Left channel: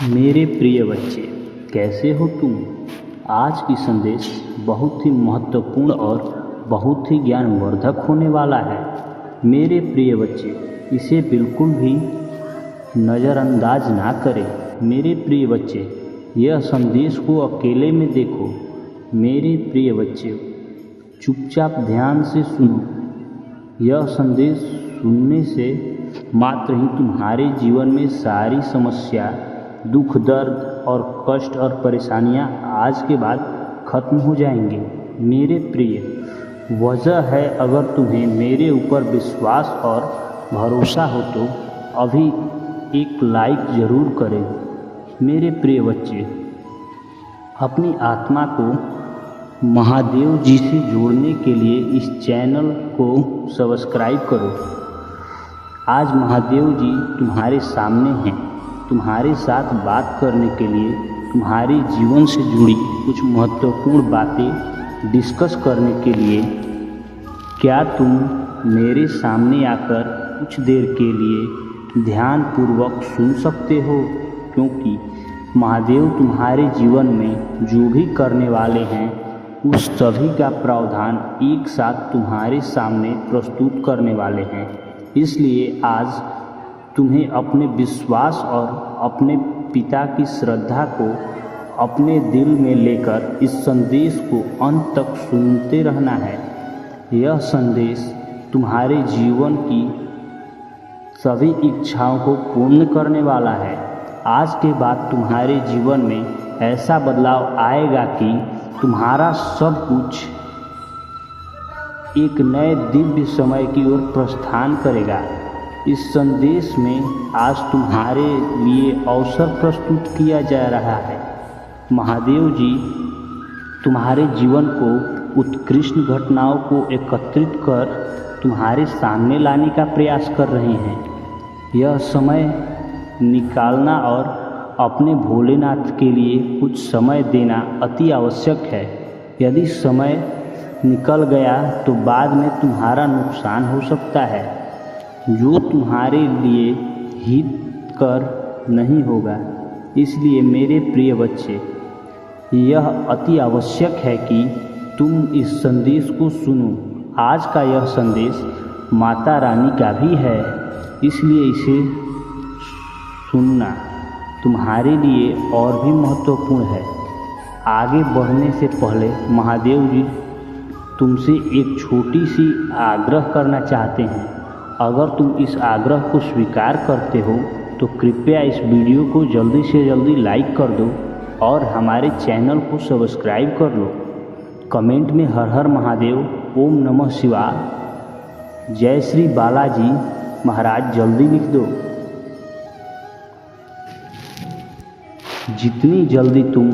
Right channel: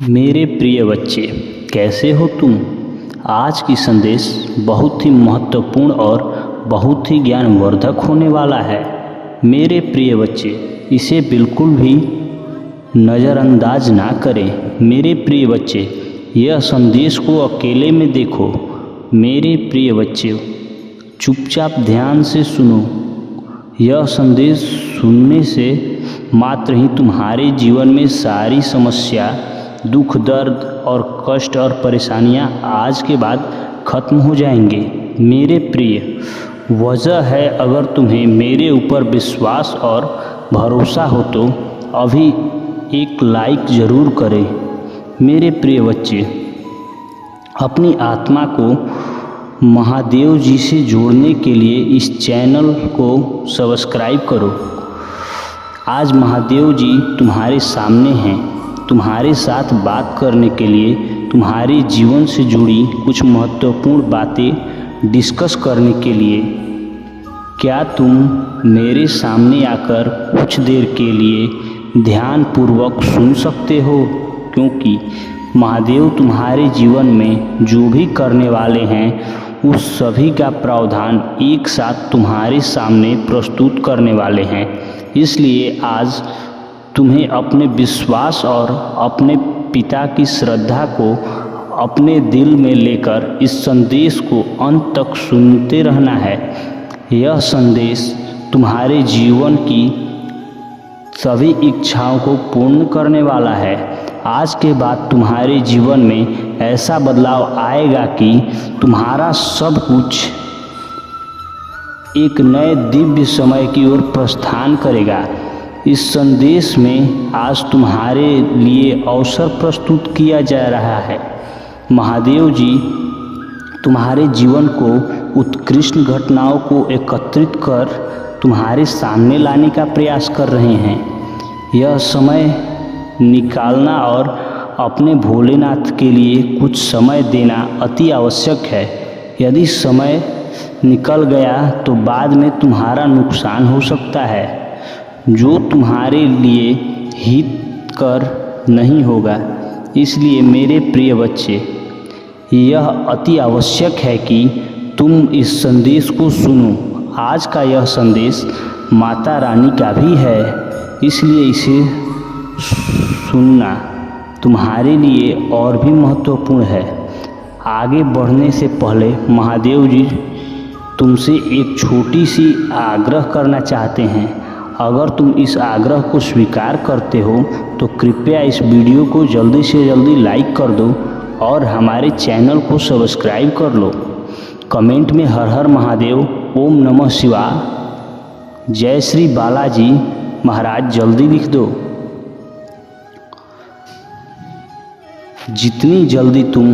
मेरे प्रिय बच्चे, कैसे हो तुम। आज की संदेश बहुत ही महत्वपूर्ण और बहुत ही ज्ञानवर्धक होने वाला है। मेरे प्रिय बच्चे, इसे बिल्कुल भी नज़रअंदाज ना करें। मेरे प्रिय बच्चे, यह संदेश को अकेले में देखो। मेरे प्रिय बच्चे, चुपचाप ध्यान से सुनो। यह संदेश सुनने से मात्र ही तुम्हारे जीवन में सारी समस्या, दुख, दर्द और कष्ट और परेशानियां आज के बाद खत्म हो जाएंगे। मेरे प्रिय, वजह है अगर तुम्हें मेरे ऊपर विश्वास और भरोसा हो तो अभी एक लाइक ज़रूर करें। मेरे प्रिय बच्चे, अपनी आत्मा को महादेव जी से जोड़ने के लिए इस चैनल को सब्सक्राइब करो। आज महादेव जी तुम्हारे सामने हैं, तुम्हारे साथ बात करने के लिए, तुम्हारे जीवन से जुड़ी कुछ महत्वपूर्ण बातें डिस्कस करने के लिए। क्या तुम मेरे सामने आकर कुछ देर के लिए ध्यानपूर्वक सुन सकते हो? क्योंकि महादेव तुम्हारे जीवन में जो भी करने वाले हैं उस सभी का प्रावधान एक साथ तुम्हारे सामने प्रस्तुत करने वाले हैं। इसलिए आज तुम्हें अपने विश्वास और अपने पिता की श्रद्धा को अपने दिल में लेकर इस संदेश को अंत तक सुनते रहना है। यह संदेश तुम्हारे जीवन की सभी इच्छाओं को पूर्ण करने वाला है। आज के बाद तुम्हारे जीवन में ऐसा बदलाव आएगा कि तुम्हारा सब कुछ एक नए दिव्य समय की ओर प्रस्थान करेगा। इस संदेश में आज तुम्हारे लिए अवसर प्रस्तुत किया जा रहा है। महादेव जी तुम्हारे जीवन को उत्कृष्ट घटनाओं को एकत्रित कर तुम्हारे सामने लाने का प्रयास कर रहे हैं। यह समय निकालना और अपने भोलेनाथ के लिए कुछ समय देना अति आवश्यक है। यदि समय निकल गया तो बाद में तुम्हारा नुकसान हो सकता है, जो तुम्हारे लिए हितकर नहीं होगा। इसलिए मेरे प्रिय बच्चे, यह अति आवश्यक है कि तुम इस संदेश को सुनो। आज का यह संदेश माता रानी का भी है, इसलिए इसे सुनना तुम्हारे लिए और भी महत्वपूर्ण है। आगे बढ़ने से पहले महादेव जी तुमसे एक छोटी सी आग्रह करना चाहते हैं। अगर तुम इस आग्रह को स्वीकार करते हो तो कृपया इस वीडियो को जल्दी से जल्दी लाइक कर दो और हमारे चैनल को सब्सक्राइब कर लो। कमेंट में हर हर महादेव, ओम नमः शिवाय, जय श्री बालाजी महाराज जल्दी लिख दो। जितनी जल्दी तुम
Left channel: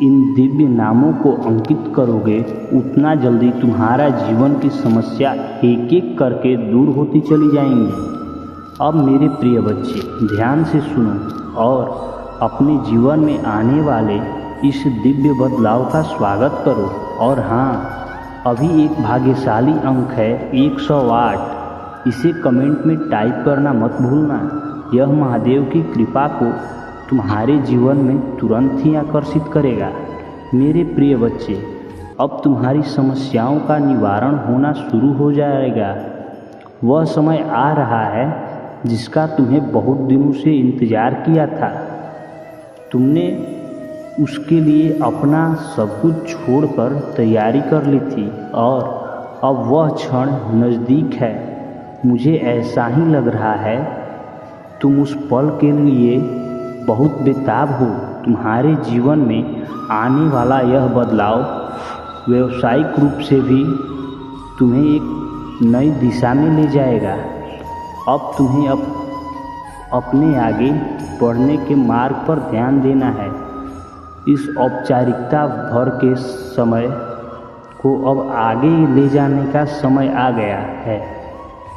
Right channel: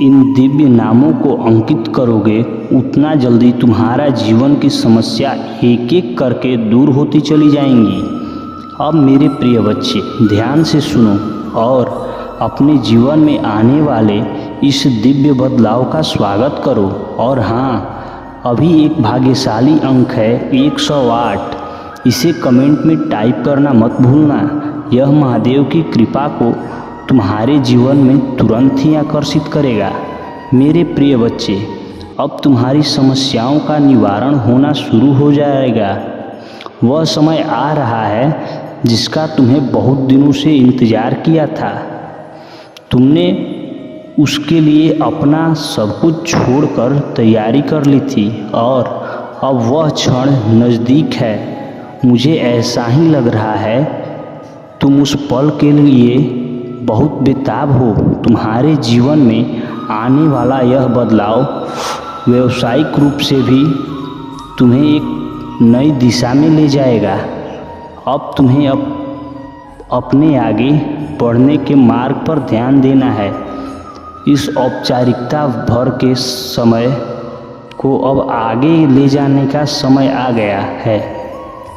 इन दिव्य नामों को अंकित करोगे उतना जल्दी तुम्हारा जीवन की समस्या एक एक करके दूर होती चली जाएंगी। अब मेरे प्रिय बच्चे, ध्यान से सुनो और अपने जीवन में आने वाले इस दिव्य बदलाव का स्वागत करो। और हाँ, अभी एक भाग्यशाली अंक है 108। इसे कमेंट में टाइप करना मत भूलना। यह महादेव की कृपा को तुम्हारे जीवन में तुरंत ही आकर्षित करेगा। मेरे प्रिय बच्चे, अब तुम्हारी समस्याओं का निवारण होना शुरू हो जाएगा। वह समय आ रहा है जिसका तुम्हें बहुत दिनों से इंतज़ार किया था। तुमने उसके लिए अपना सब कुछ छोड़कर तैयारी कर ली थी और अब वह क्षण नज़दीक है। मुझे ऐसा ही लग रहा है तुम उस पल के लिए बहुत बेताब हो। तुम्हारे जीवन में आने वाला यह बदलाव व्यावसायिक रूप से भी तुम्हें एक नई दिशा में ले जाएगा। अब तुम्हें अपने आगे बढ़ने के मार्ग पर ध्यान देना है। इस औपचारिकता भर के समय को अब आगे ले जाने का समय आ गया है,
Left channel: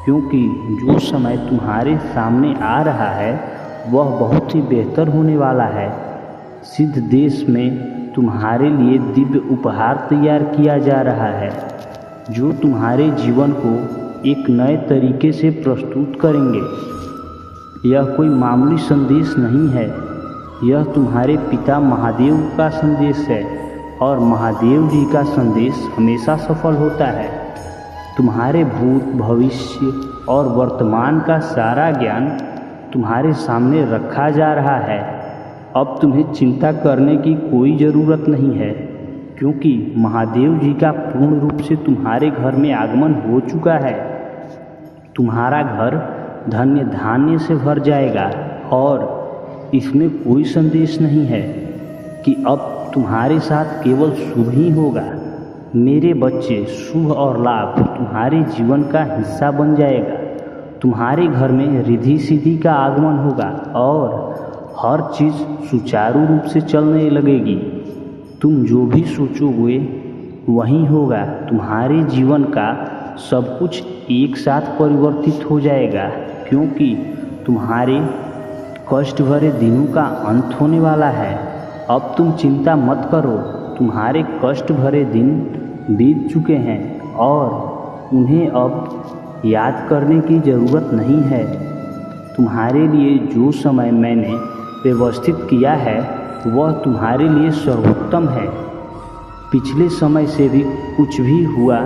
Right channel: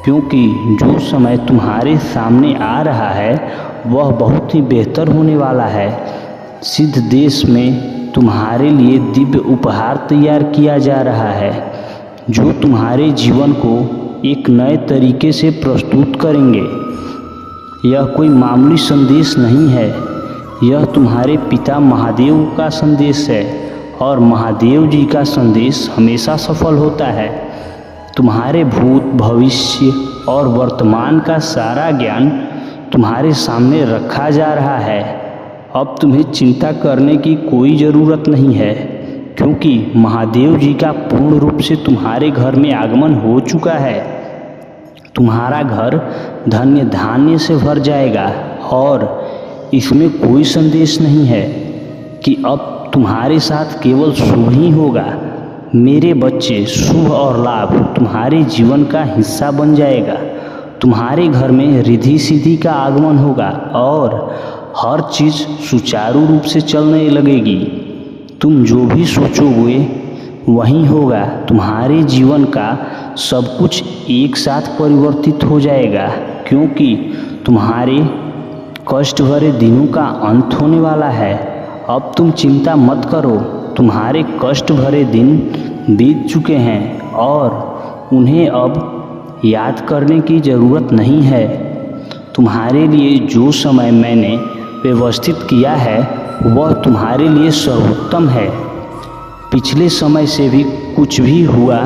क्योंकि जो समय तुम्हारे सामने आ रहा है वह बहुत ही बेहतर होने वाला है। सिद्ध देश में तुम्हारे लिए दिव्य उपहार तैयार किया जा रहा है, जो तुम्हारे जीवन को एक नए तरीके से प्रस्तुत करेंगे। यह कोई मामूली संदेश नहीं है, यह तुम्हारे पिता महादेव का संदेश है और महादेव जी का संदेश हमेशा सफल होता है। तुम्हारे भूत, भविष्य और वर्तमान का सारा ज्ञान तुम्हारे सामने रखा जा रहा है। अब तुम्हें चिंता करने की कोई ज़रूरत नहीं है, क्योंकि महादेव जी का पूर्ण रूप से तुम्हारे घर में आगमन हो चुका है। तुम्हारा घर धन्य धान्य से भर जाएगा और इसमें कोई संदेश नहीं है कि अब तुम्हारे साथ केवल शुभ ही होगा। मेरे बच्चे, शुभ और लाभ तुम्हारे जीवन का हिस्सा बन जाएगा। तुम्हारे घर में रिद्धि सिद्धि का आगमन होगा और हर चीज़ सुचारू रूप से चलने लगेगी। तुम जो भी सोचोगे वही होगा। तुम्हारे जीवन का सब कुछ एक साथ परिवर्तित हो जाएगा, क्योंकि तुम्हारे कष्ट भरे दिनों का अंत होने वाला है। अब तुम चिंता मत करो। तुम्हारे कष्ट भरे दिन बीत चुके हैं और उन्हें अब याद करने की ज़रूरत नहीं है। तुम्हारे लिए जो समय मैंने व्यवस्थित किया है वह तुम्हारे लिए सर्वोत्तम है। पिछले समय से भी कुछ भी हुआ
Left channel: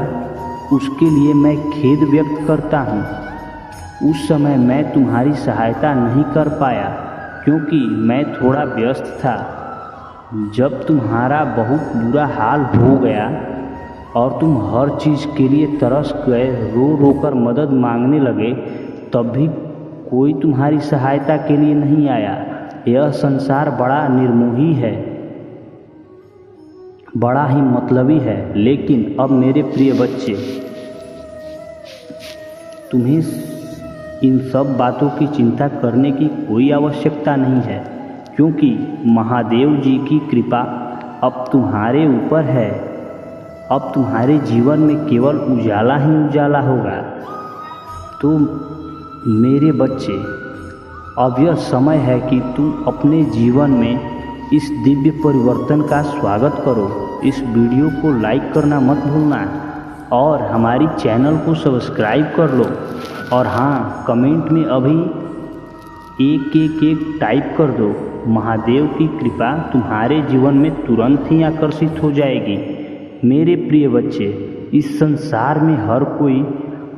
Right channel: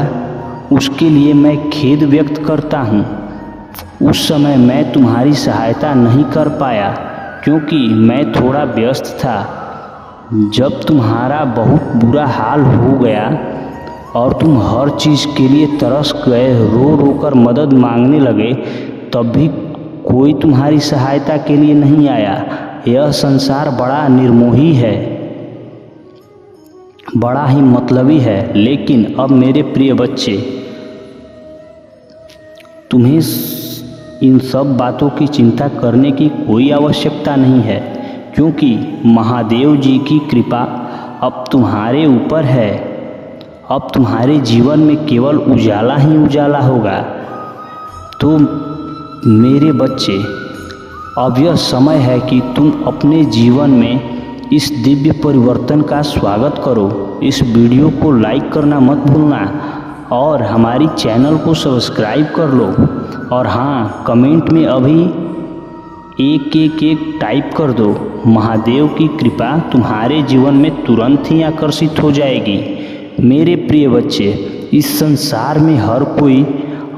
उसके लिए मैं खेद व्यक्त करता हूँ। उस समय मैं तुम्हारी सहायता नहीं कर पाया क्योंकि मैं थोड़ा व्यस्त था। जब तुम्हारा बहुत बुरा हाल हो गया और तुम हर चीज़ के लिए तरस गए, रो रो कर मदद मांगने लगे, तब भी कोई तुम्हारी सहायता के लिए नहीं आया। यह संसार बड़ा निर्मोही है, बड़ा ही मतलबी है। लेकिन अब मेरे प्रिय बच्चे, तुम्हें इन सब बातों की चिंता करने की कोई आवश्यकता नहीं है, क्योंकि महादेव जी की कृपा अब तुम्हारे ऊपर है। अब तुम्हारे जीवन में केवल उजाला ही उजाला होगा। तो मेरे बच्चे, अब यह समय है कि तुम अपने जीवन में इस दिव्य परिवर्तन का स्वागत करो। इस वीडियो को लाइक करना मत भूलना और हमारी चैनल को सब्सक्राइब कर लो। और हाँ, कमेंट में अभी एक टाइप कर दो। महादेव की कृपा तुम्हारे जीवन में तुरंत ही आकर्षित हो जाएगी। मेरे प्रिय बच्चे, इस संसार में हर कोई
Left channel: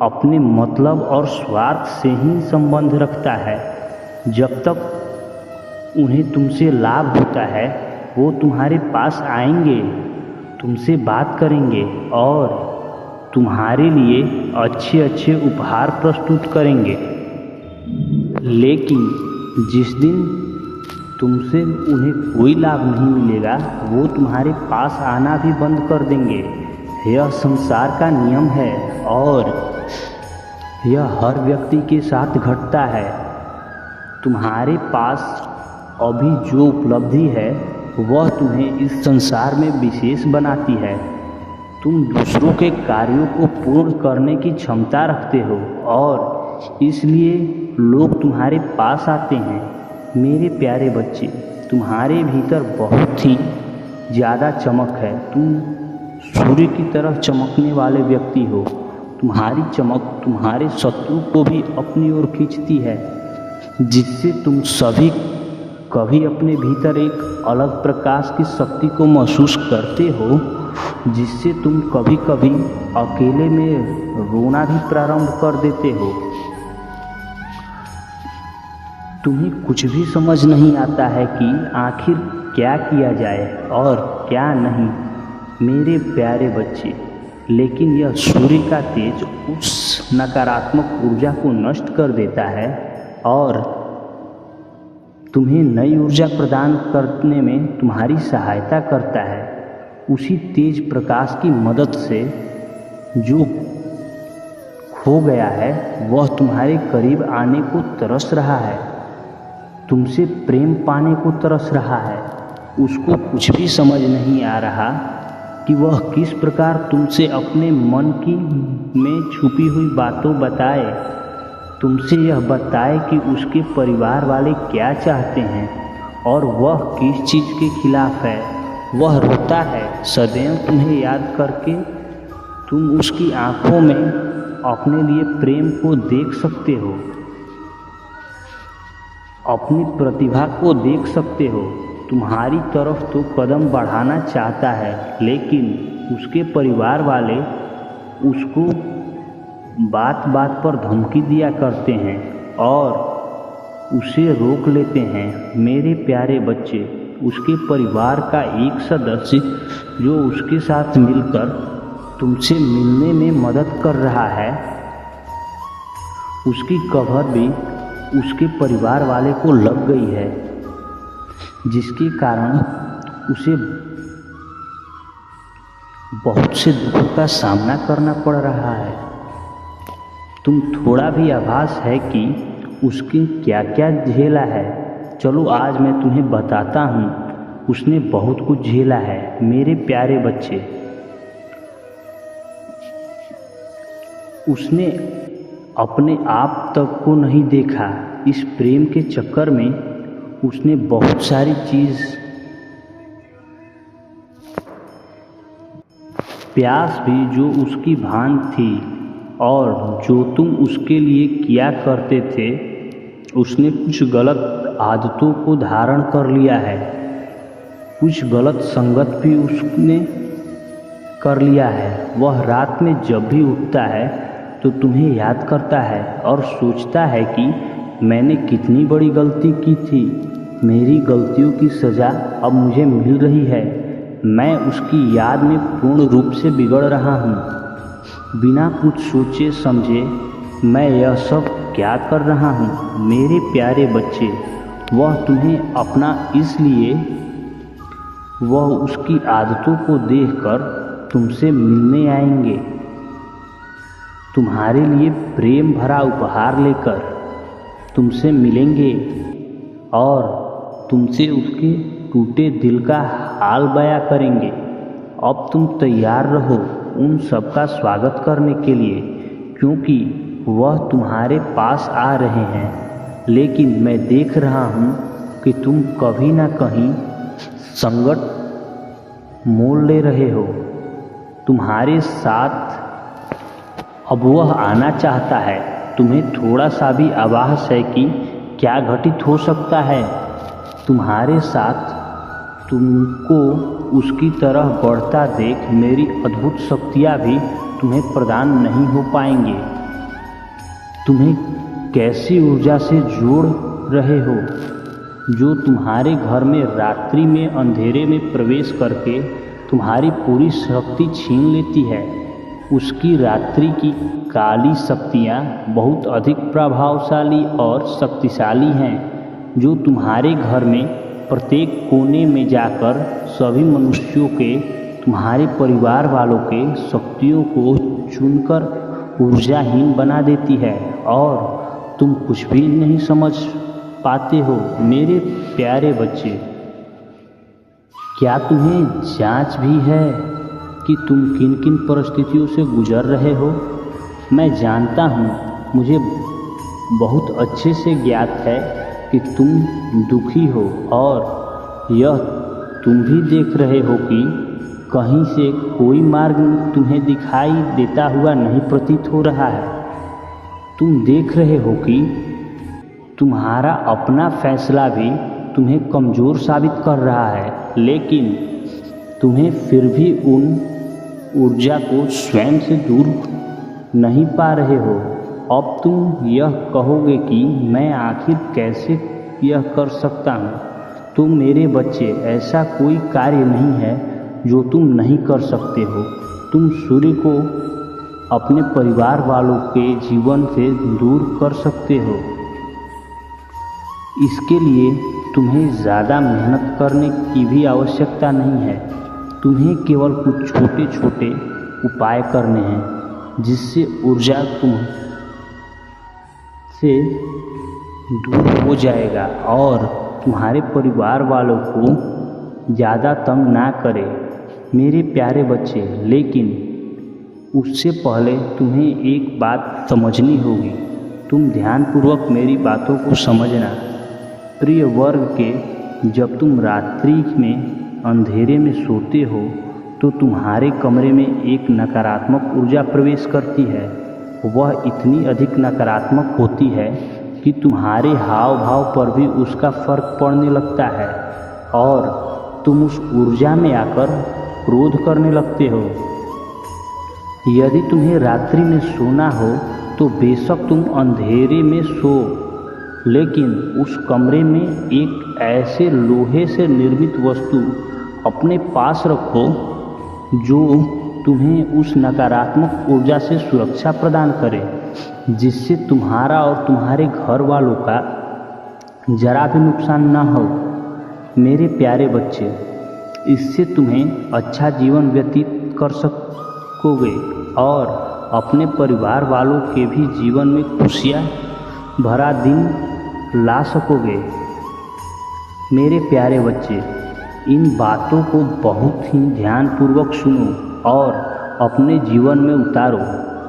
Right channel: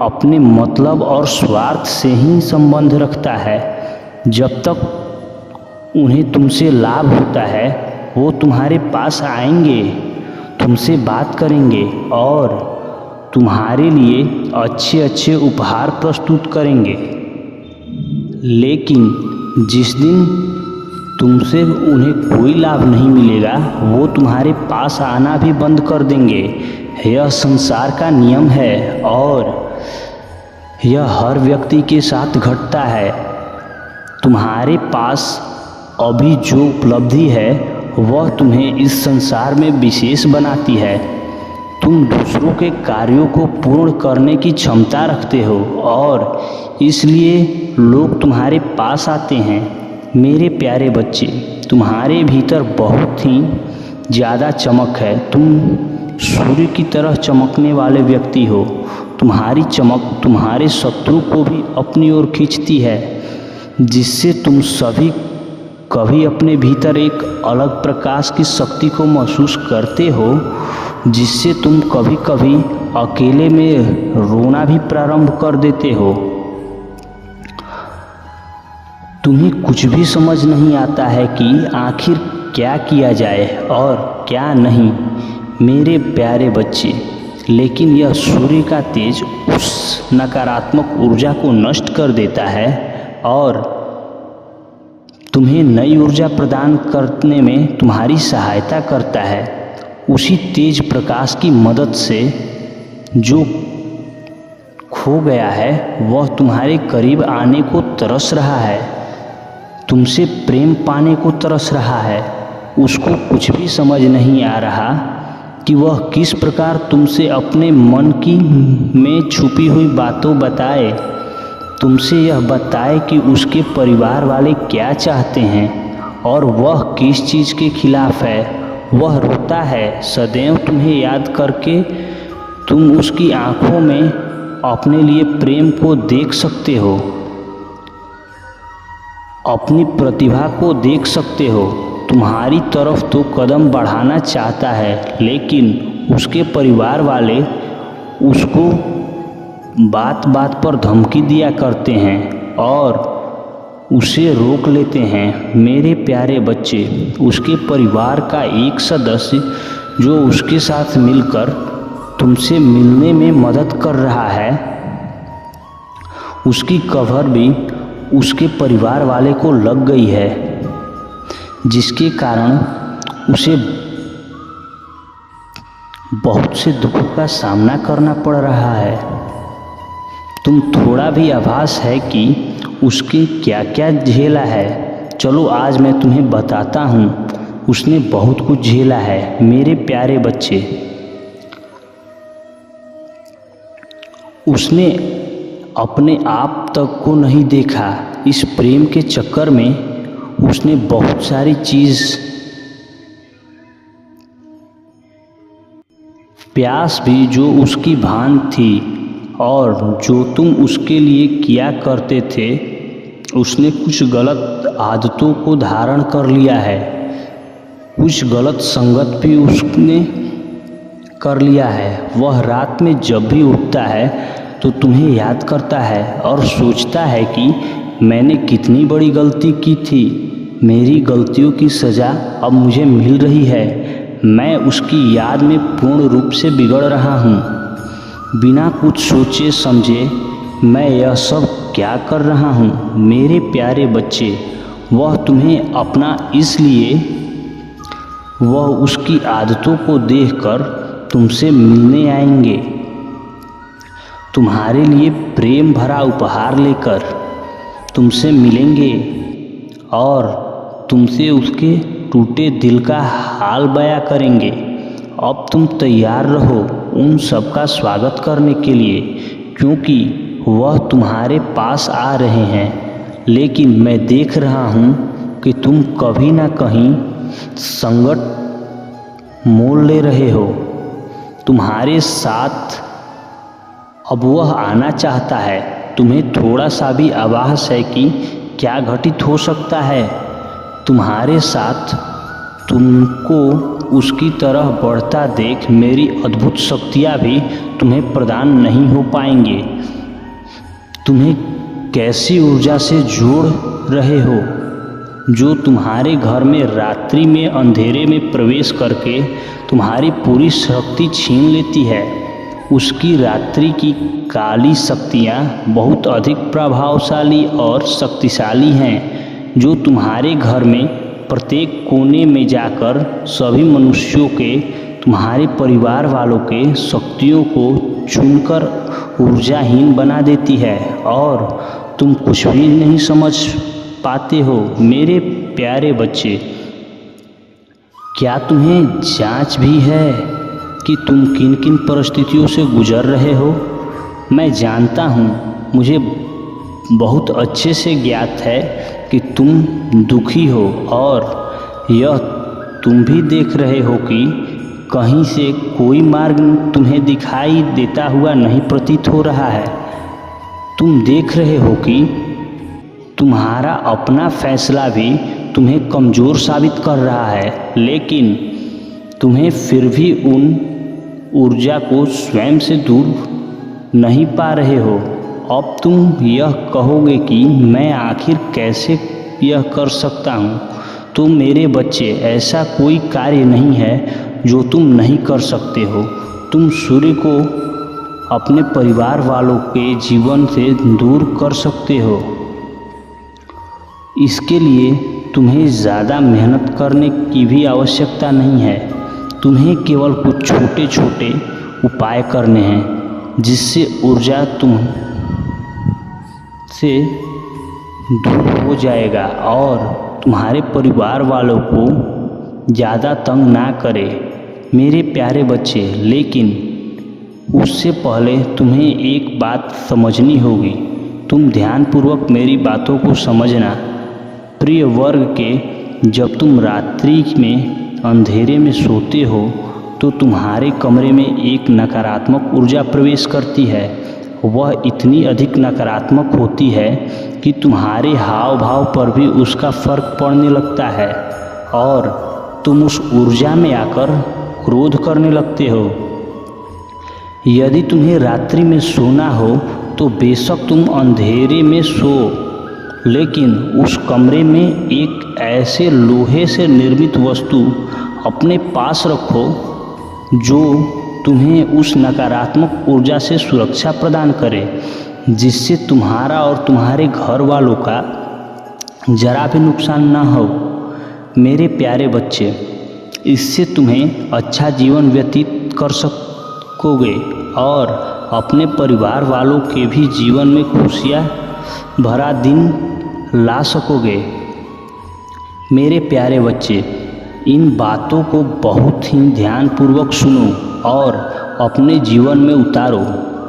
अपने मतलब और स्वार्थ से ही संबंध रखता है। जब तक उन्हें तुमसे लाभ होता है वो तुम्हारे पास आएंगे, तुमसे बात करेंगे और तुम्हारे लिए अच्छे अच्छे उपहार प्रस्तुत करेंगे। लेकिन जिस दिन तुमसे उन्हें कोई लाभ नहीं मिलेगा वो तुम्हारे पास आना भी बंद कर देंगे। यह संसार का नियम है और यह हर व्यक्ति के साथ घटता है। तुम्हारे पास अभी जो उपलब्धि है वह तुम्हें इस संसार में विशेष बनाती है। तुम दूसरों के कार्यों को पूर्ण करने की क्षमता रखते हो और इसलिए लोग तुम्हारे पास आते हैं। मेरे प्यारे बच्चे, तुम्हारे भीतर बहुत ही ज़्यादा चमक है। तुम सूर्य की तरह चमकने वाले व्यक्ति हो। तुम्हारी चमक तुम्हारे शत्रु को भी अपनी ओर खींचती है, जिससे तुम सभी कभी अपने भीतर एक अलग प्रकाश की शक्ति को महसूस करते हो, जिससे तुम कभी कभी अकेले में रोना भी प्रारंभ कर देते हो। तुम्हें कुछ भी समझ नहीं आता है कि आखिर क्या किया जाए और क्या नहीं, मेरे प्यारे बच्चे। लेकिन यह सूर्य का तेज उस नकारात्मक ऊर्जा को नष्ट कर देता है और तुम्हें नई ऊर्जा प्रदान करने में तुम्हारी सहायता करता है। उसी तेज प्रकाश की मदद से जो खो गया है वह तुम्हारे करीब आने को तरस रहा है, तुमसे प्रेम पाने को तरस रहा है। उसको कुछ भी समझ नहीं आ रहा कि वह किस प्रकार तुमसे अपने मन की में छुपी हुई बातों बताए, तुमसे यह बताए कि उसके परिवार वाले क्या चाहते हैं और वह किस चीज़ के खिलाफ है। वह रोता है सदैव तुम्हें याद करके। तुम उसकी आंखों में अपने लिए प्रेम को देख सकते हो। अपनी प्रतिभा को देख सकते हो। तुम्हारी तरफ तो कदम बढ़ाना चाहता है, लेकिन उसके परिवार वाले उसको बात बात पर धमकी दिया करते हैं और उसे रोक लेते हैं। मेरे प्यारे बच्चे, उसके परिवार का एक सदस्य जो उसके साथ मिलकर तुमसे मिलने में मदद कर रहा है, उसकी खबर भी उसके परिवार वाले को लग गई है, जिसके कारण उसे बहुत से दुखों का सामना करना पड़ रहा है। तुम थोड़ा भी आभास है कि उसके क्या क्या झेला है। चलो आज मैं तुम्हें बताता हूँ, उसने बहुत कुछ झेला है। मेरे प्यारे बच्चे, उसने अपने आप तक को नहीं देखा। इस प्रेम के चक्कर में उसने बहुत सारी चीज़, प्यास भी जो उसकी भान थी और जो तुम उसके लिए किया करते थे, उसने कुछ गलत आदतों को धारण कर लिया है। कुछ गलत संगत भी उसने कर लिया है। वह रात में जब भी उठता है तो तुम्हें याद करता है और सोचता है कि मैंने कितनी बड़ी गलती की थी। मेरी गलतियों की सज़ा अब मुझे मिल रही है। मैं उसकी याद में पूर्ण रूप से बिगड़ रहा हूँ। बिना कुछ सोचे समझे मैं यह सब क्या कर रहा हूँ। मेरे प्यारे बच्चे, वह तुम्हें अपना इसलिए वह उसकी आदतों को देखकर तुमसे मिलने आएंगे, तुम्हारे लिए प्रेम भरा उपहार लेकर तुमसे मिलेंगे और तुमसे उसके टूटे दिल का हाल बयां करेंगे। अब तुम तैयार रहो उन सब का स्वागत करने के लिए, क्योंकि वह तुम्हारे पास आ रहे हैं। लेकिन मैं देख रहा हूँ कि तुम कभी ना कहीं संकट मोल ले रहे हो। तुम्हारे साथ अब वह आना चाहता है। तुम्हें थोड़ा सा भी आभास है कि क्या घटित हो सकता है तुम्हारे साथ। तुमको उसकी तरह बढ़ता देख मेरी अद्भुत शक्तियाँ भी तुम्हें प्रदान नहीं हो पाएंगे। तुम्हें कैसी ऊर्जा से जोड़ रहे हो जो तुम्हारे घर में रात्रि में अंधेरे में प्रवेश करके तुम्हारी पूरी शक्ति छीन लेती है। उसकी रात्रि की काली शक्तियाँ बहुत अधिक प्रभावशाली और शक्तिशाली हैं, जो तुम्हारे घर में प्रत्येक कोने में जाकर सभी मनुष्यों के, तुम्हारे परिवार वालों के शक्तियों को चुनकर ऊर्जाहीन बना देती है और तुम कुछ भी नहीं समझ पाते हो। मेरे प्यारे बच्चे, क्या तुम्हें जांच भी है कि तुम किन किन परिस्थितियों से गुजर रहे हो? मैं जानता हूँ, मुझे बहुत अच्छे से ज्ञात है कि तुम दुखी हो और यह तुम भी देख रहे हो कि कहीं से कोई मार्ग तुम्हें दिखाई देता हुआ नहीं प्रतीत हो रहा है। तुम देख रहे हो कि तुम्हारा अपना फैसला भी तुम्हें कमज़ोर साबित कर रहा है, लेकिन तुम्हें फिर भी उन ऊर्जा को स्वयं से दूर नहीं पा रहे हो। अब तुम यह कहोगे कि मैं आखिर कैसे यह कर सकता हूँ। तो मेरे बच्चे, ऐसा कोई कार्य नहीं है जो तुम नहीं कर सकते हो। तुम सूर्य को अपने परिवार वालों के जीवन से दूर कर सकते हो। इसके लिए तुम्हें ज़्यादा मेहनत करने की भी आवश्यकता नहीं है। तुम्हें केवल कुछ छोटे छोटे उपाय करने हैं, जिससे ऊर्जा तुम से दूर हो जाएगा और तुम्हारे परिवार वालों को ज़्यादा तंग ना करे। मेरे प्यारे बच्चे, लेकिन उससे पहले तुम्हें एक बात समझनी होगी। तुम ध्यानपूर्वक मेरी बातों को समझना। प्रिय वर्ग के, जब तुम रात्रि में अंधेरे में सोते हो तो तुम्हारे कमरे में एक नकारात्मक ऊर्जा प्रवेश करती है। वह इतनी अधिक नकारात्मक होती है कि तुम्हारे हाव भाव पर भी उसका फर्क पड़ने लगता है और तुम उस ऊर्जा में आकर क्रोध करने लगते हो। यदि तुम्हें रात्रि में सोना हो तो बेशक तुम अंधेरे में सो, लेकिन उस कमरे में एक ऐसे लोहे से निर्मित वस्तु अपने पास रखो जो तुम्हें उस नकारात्मक ऊर्जा से सुरक्षा प्रदान करे, जिससे तुम्हारा और तुम्हारे घर वालों का जरा भी नुकसान न हो। मेरे प्यारे बच्चे, इससे तुम्हें अच्छा जीवन व्यतीत कर सकोगे और अपने परिवार वालों के भी जीवन में खुशियाँ भरा दिन ला सकोगे। मेरे प्यारे बच्चे, इन बातों को बहुत ही ध्यानपूर्वक सुनो और अपने जीवन में उतारो।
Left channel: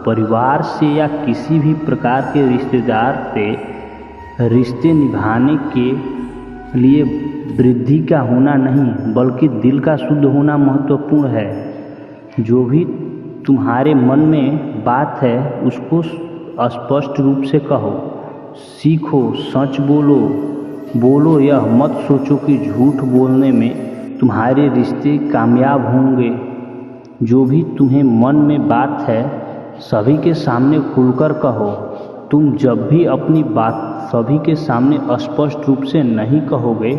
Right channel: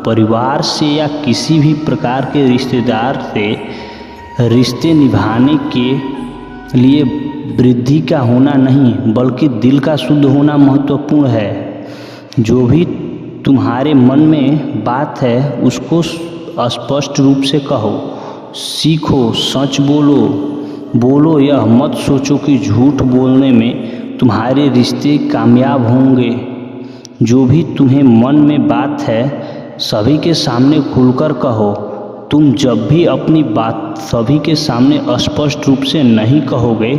परिवार से या किसी भी प्रकार के रिश्तेदार से रिश्ते निभाने के लिए वृद्धि का होना नहीं बल्कि दिल का शुद्ध होना महत्वपूर्ण है। जो भी तुम्हारे मन में बात है उसको स्पष्ट रूप से कहो, सीखो, सच बोलो। यह मत सोचो कि झूठ बोलने में तुम्हारे रिश्ते कामयाब होंगे। जो भी तुम्हें मन में बात है सभी के सामने खुलकर कहो। तुम जब भी अपनी बात सभी के सामने स्पष्ट रूप से नहीं कहोगे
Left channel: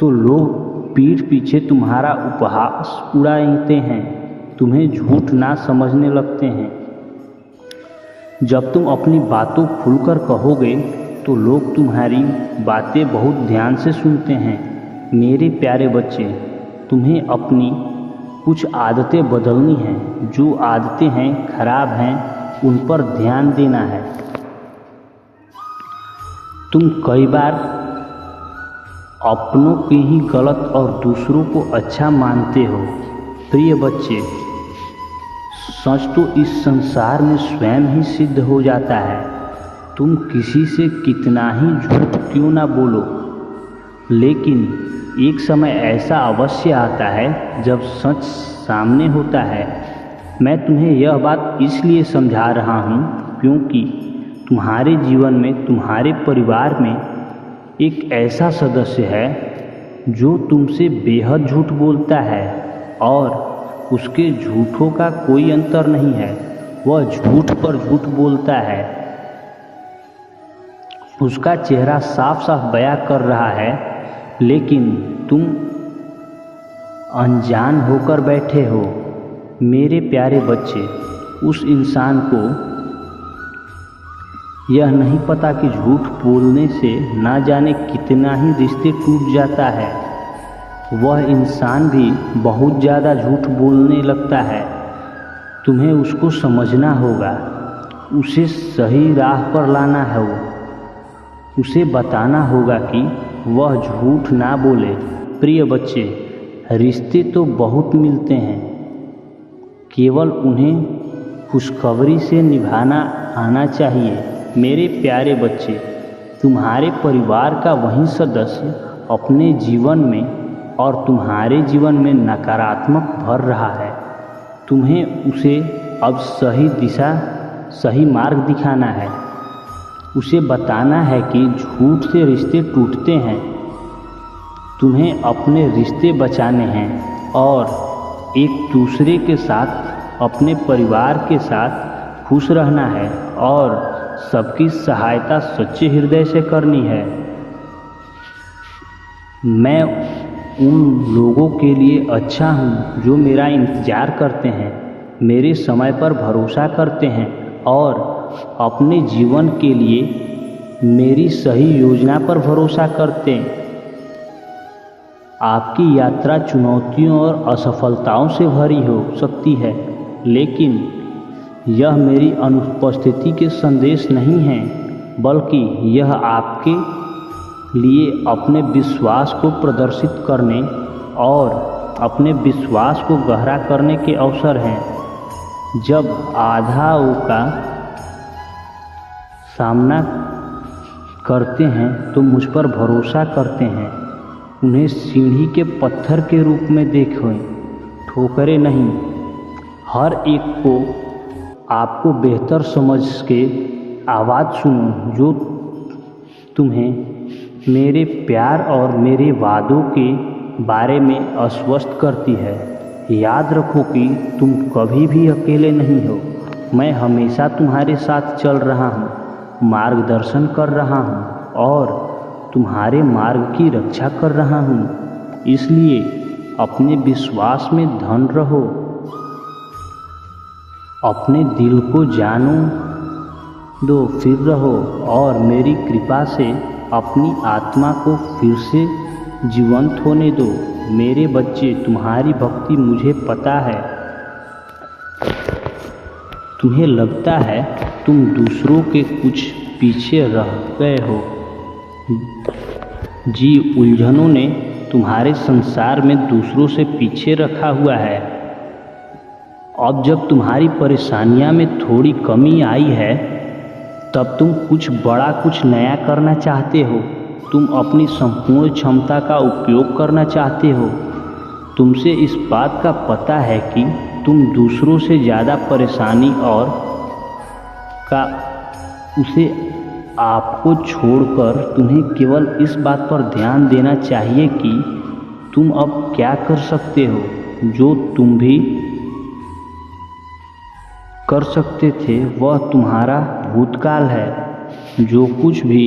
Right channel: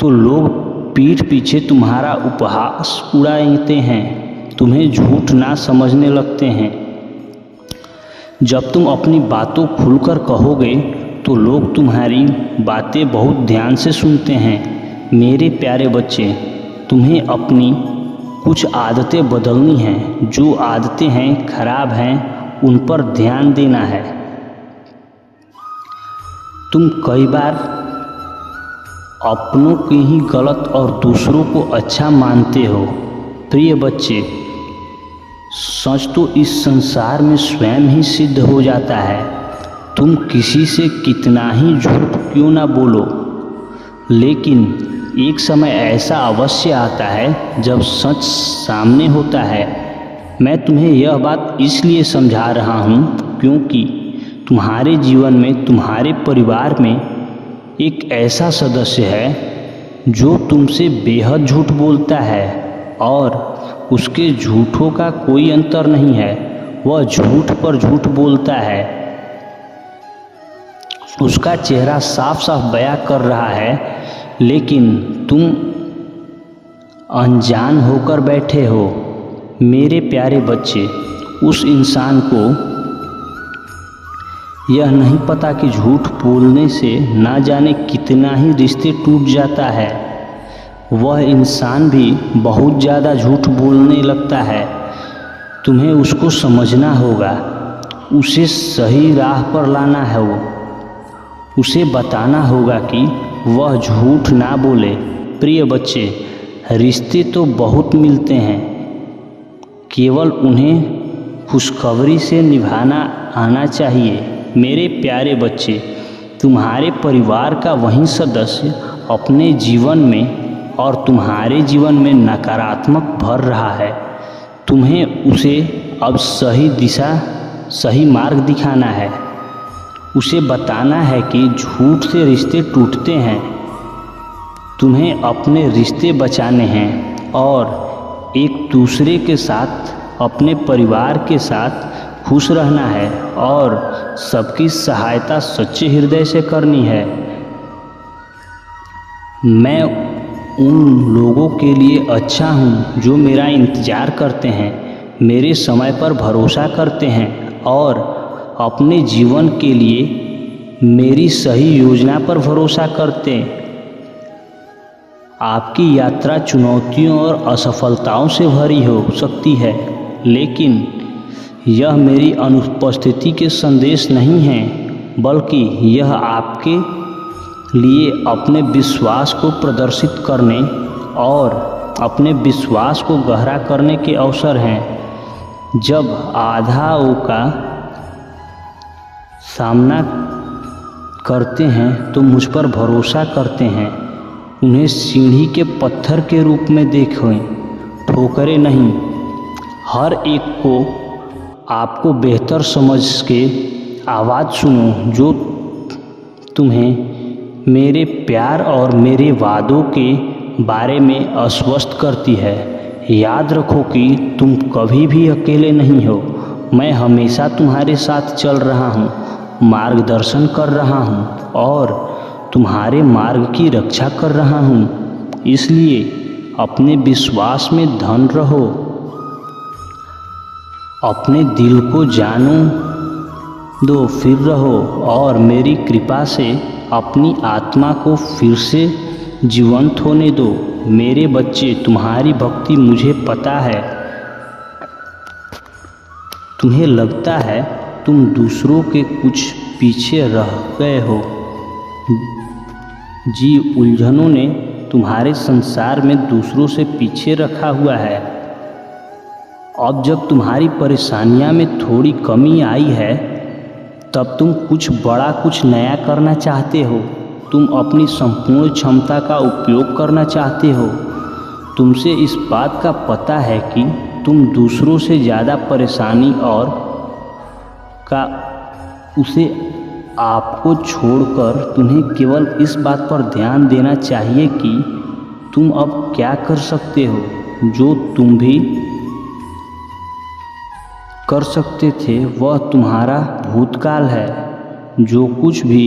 तो लोग पीठ पीछे तुम्हारा उपहास उड़ाते हैं, तुम्हें झूठ ना समझने लगते हैं। जब तुम अपनी बातों खुलकर कहोगे तो लोग तुम्हारी बातें बहुत ध्यान से सुनते हैं। मेरे प्यारे बच्चे, तुम्हें अपनी कुछ आदतें बदलनी हैं। जो आदतें हैं खराब हैं उन पर ध्यान देना है। तुम कई बार अपनों के ही गलत और दूसरों को अच्छा मानते हो। प्रिय बच्चे, सच तो इस संसार में स्वयं ही सिद्ध हो जाता है। तुम किसी से कितना ही झूठ क्यों ना बोलो, लेकिन एक समय ऐसा अवश्य आता है जब सच सामने होता है। मैं तुम्हें यह बात इसलिए समझा रहा हूँ क्योंकि तुम्हारे जीवन में, तुम्हारे परिवार में एक ऐसा सदस्य है जो तुमसे बेहद झूठ बोलता है और उसके झूठों का कोई अंतर नहीं है। वह झूठ पर झूठ बोलता है। उसका चेहरा साफ साफ बयां कर रहा है, लेकिन तुम अनजान होकर बैठे हो। मेरे प्यारे बच्चे, उस इंसान को यह नहीं पता कि झूठ बोलने से ना जाने कितना ही रिश्ते टूट जाता है। वह इंसान भी बहुत ज़्यादा झूठ बोलने लगता है। तुम्हें उसको समझना होगा, उसे सही राह पर लाना है। उसे बताना होगा कि वह झूठ ना बोले। प्रिय बच्चे, रिश्ते तो बहुत मिलते हैं, केवल उन्हें खुशखबरी से निभाना आना चाहिए। मेरे प्यारे बच्चे, तुम्हारे परिवार का वही सदस्य अपने जीवन में और तुम्हारे जीवन में नकारात्मक भर रहा है। तुम्हें उसे अब सही दिशा, सही मार्ग दिखाना है। उसे बताना है कि झूठ से रिश्ते टूटते हैं। तुम्हें अपने रिश्ते बचाने हैं और एक दूसरे के साथ, अपने परिवार के साथ खुश रहना है और सबकी सहायता सच्चे हृदय से करनी है। मैं उन लोगों के लिए अच्छा हूँ जो मेरा इंतज़ार करते हैं, मेरे समय पर भरोसा करते हैं और अपने जीवन के लिए मेरी सही योजना पर भरोसा करते हैं। आपकी यात्रा चुनौतियों और असफलताओं से भरी हो सकती है, लेकिन यह मेरी अनुपस्थिति के संदेश नहीं है, बल्कि यह आपके लिए अपने विश्वास को प्रदर्शित करने और अपने विश्वास को गहरा करने के अवसर हैं। जब बाधाओं का सामना करते हैं तो मुझ पर भरोसा करते हैं। उन्हें सीढ़ी के पत्थर के रूप में देखें, ठोकरें नहीं। हर एक को आपको बेहतर समझ के आवाज़ सुनो जो तुम्हें मेरे प्यार और मेरे वादों के बारे में आश्वस्त करती है। याद रखो कि तुम कभी भी अकेले नहीं हो। मैं हमेशा तुम्हारे साथ चल रहा हूँ, मार्गदर्शन कर रहा हूँ और तुम्हारे मार्ग की रक्षा कर रहा हूँ। इसलिए अपने विश्वास में धन रहो, अपने दिल को जानो दो, फिर रहो और मेरी कृपा से अपनी आत्मा को फिर से जीवंत होने दो। मेरे बच्चे, तुम्हारी भक्ति मुझे पता है। तुम्हें लगता है तुम दूसरों के कुछ पीछे रह गए हो। जी, उलझनों ने तुम्हारे संसार में दूसरों से पीछे रखा हुआ है। अब जब तुम्हारी परेशानियां में थोड़ी कमी आई है, तब तुम कुछ बड़ा, कुछ नया करना चाहते हो। तुम अपनी संपूर्ण क्षमता का उपयोग करना चाहते हो। तुमसे इस बात का पता है कि तुम दूसरों से ज़्यादा परेशानी और का उसे आपको छोड़कर तुम्हें केवल इस बात पर ध्यान देना चाहिए कि तुम अब क्या कर सकते हो। जो तुम भी कर सकते थे वह तुम्हारा भूतकाल है। जो कुछ भी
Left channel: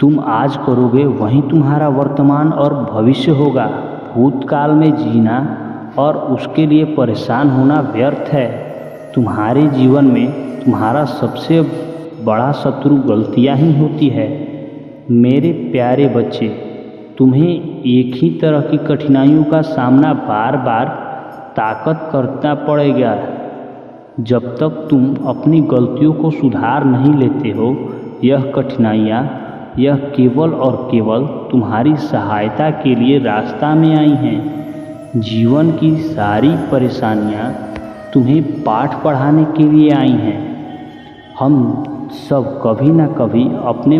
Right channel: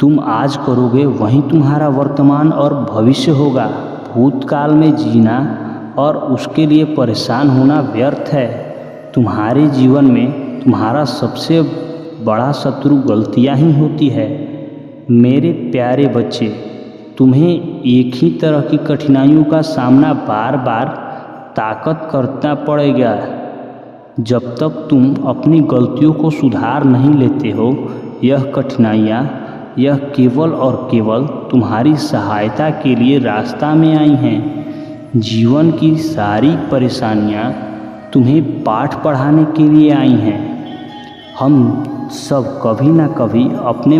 तुम आज करोगे वही तुम्हारा वर्तमान और भविष्य होगा। भूतकाल में जीना और उसके लिए परेशान होना व्यर्थ है। तुम्हारे जीवन में तुम्हारा सबसे बड़ा शत्रु गलतियां ही होती है। मेरे प्यारे बच्चे, तुम्हें एक ही तरह की कठिनाइयों का सामना बार बार ताकत करना पड़ेगा। जब तक तुम अपनी गलतियों को सुधार नहीं लेते हो, यह कठिनाइयाँ यह केवल और केवल तुम्हारी सहायता के लिए रास्ता में आई हैं। जीवन की सारी परेशानियाँ तुम्हें पाठ पढ़ाने के लिए आई हैं। हम सब कभी ना कभी अपने